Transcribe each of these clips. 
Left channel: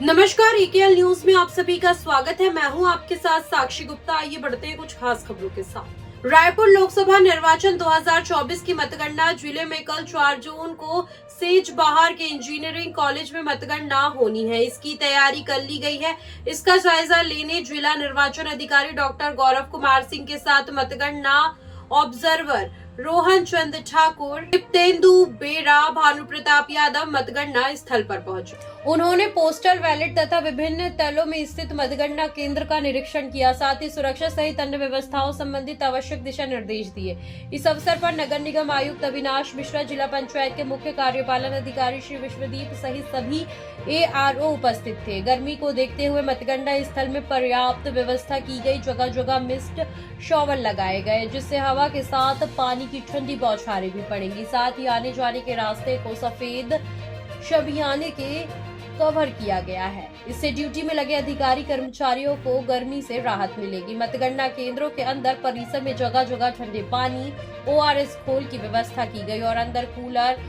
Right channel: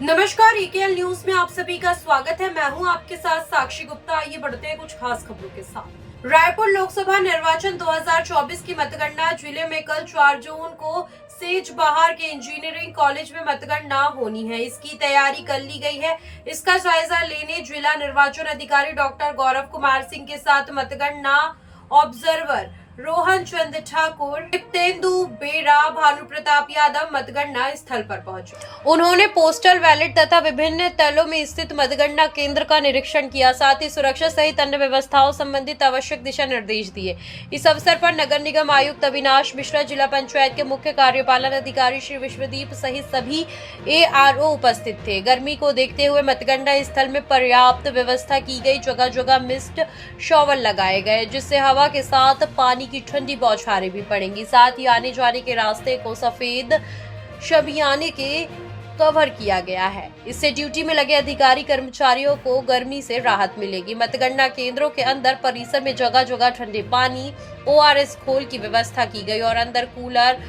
नमस्कार, EKL news में आप सभी का स्वागत है। मैं हूं आपके साथ साक्षी गुप्ता। आइए बढ़ते हैं कुछ खास खबरों के साथ। रायपुर लोकसभा निर्वाचन 2024 की मतगणना जिले में कल 4 जून को सेजबहार के इंजीनियरिंग कॉलेज में मतगणना होनी है। इसकी तैयारी कर ली गई है। इसका जायजा लेने जिला निर्वाचन अधिकारी डॉक्टर गौरव कुमार सिंह के साथ मतगणना ऑब्जर्वर रोहन चंद ठाकुर, दीप्तेंदु बेरा, भानु प्रताप यादव मतगणना स्थल पर पहुंचे। उन्होंने पोस्टल बैलेट तथा विभिन्न तलों में स्थित मतगणना केंद्र का निरीक्षण किया, साथ ही सुरक्षा सहित अन्य व्यवस्थाओं संबंधित आवश्यक दिशा निर्देश दिए। इस अवसर पर नगर निगम आयुक्त अविनाश मिश्रा, जिला पंचायत के मुख्य कार्यपालन अधिकारी श्री विश्वदीप सहित सभी ARO उपस्थित थे। गर्मी को देखते हुए मतगणना स्थल में पर्याप्त व्यवस्था की गई। जगह जगह मिस्ट शॉवर लगाए गए, जिससे हवा के साथ पानी की ठंडी बौछारें भी पड़ेंगी। साथ ही आने जाने के रास्ते को सफेद शमियाने के कवर किया गया है। इससे ड्यूटी में लगे अधिकारी कर्मचारियों को गर्मी से राहत मिलेगी। मतगणना केंद्रों के अंदर परिसर में जगह जगह ठंडे पानी, ORS घोल की व्यवस्था की गई और अंदर कूलर,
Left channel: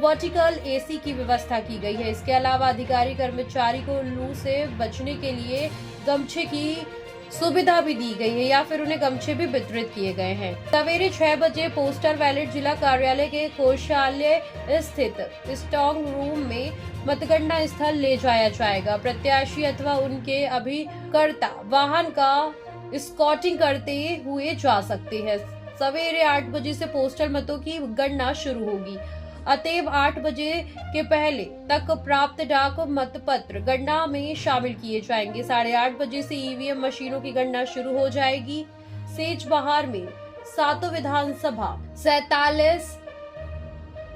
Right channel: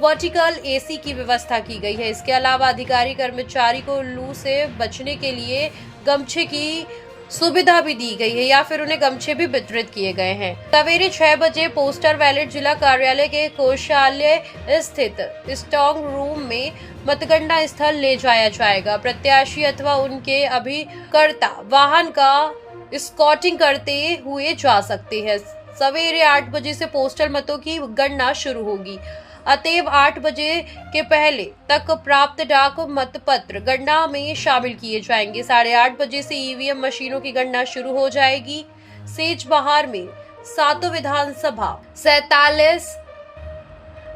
वर्टिकल AC की व्यवस्था की गई है। इसके अलावा अधिकारी कर्मचारी को लू से बचने के लिए गमछे की सुविधा भी दी गई है या फिर उन्हें गमछे भी वितरित किए गए हैं। सवेरे 6 बजे पोस्टर बैलेट जिला कार्यालय के कोषालय स्थित स्ट्रांग रूम में मतगणना स्थल ले जाया जाएगा। प्रत्याशी अथवा उनके अभिकर्ता वाहन का स्कॉटिंग करते हुए जा सकते हैं। सवेरे 8 बजे से पोस्टल मतों की गणना शुरू होगी। अतएव 8 बजे के पहले तक प्राप्त डाक मतपत्र गणना में शामिल किए जाएंगे। 8:30 बजे से EVM मशीनों की गणना शुरू हो जाएगी। सेजबहार में 7 विधानसभा 47,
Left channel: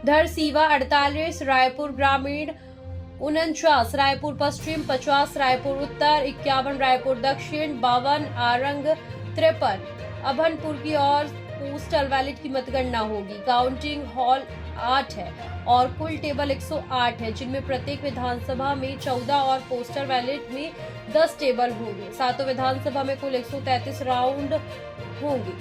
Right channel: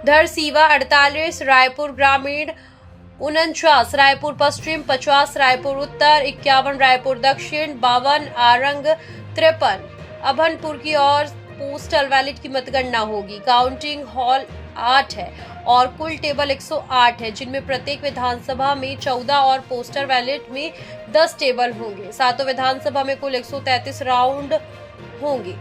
धरसीवा 48, रायपुर ग्रामीण 49, रायपुर पश्चिम 50, रायपुर उत्तर 51, रायपुर दक्षिण 52, आरंग 53, अभनपुर की और पोस्टल बैलेट की मतगणना होगी। काउंटिंग हॉल 8 है और कुल टेबल 108 है, जिनमें प्रत्येक विधानसभा में 14 और पोस्टल बैलेट में 10 टेबल होंगे। 7 विधानसभा में कुल 133 राउंड होंगे।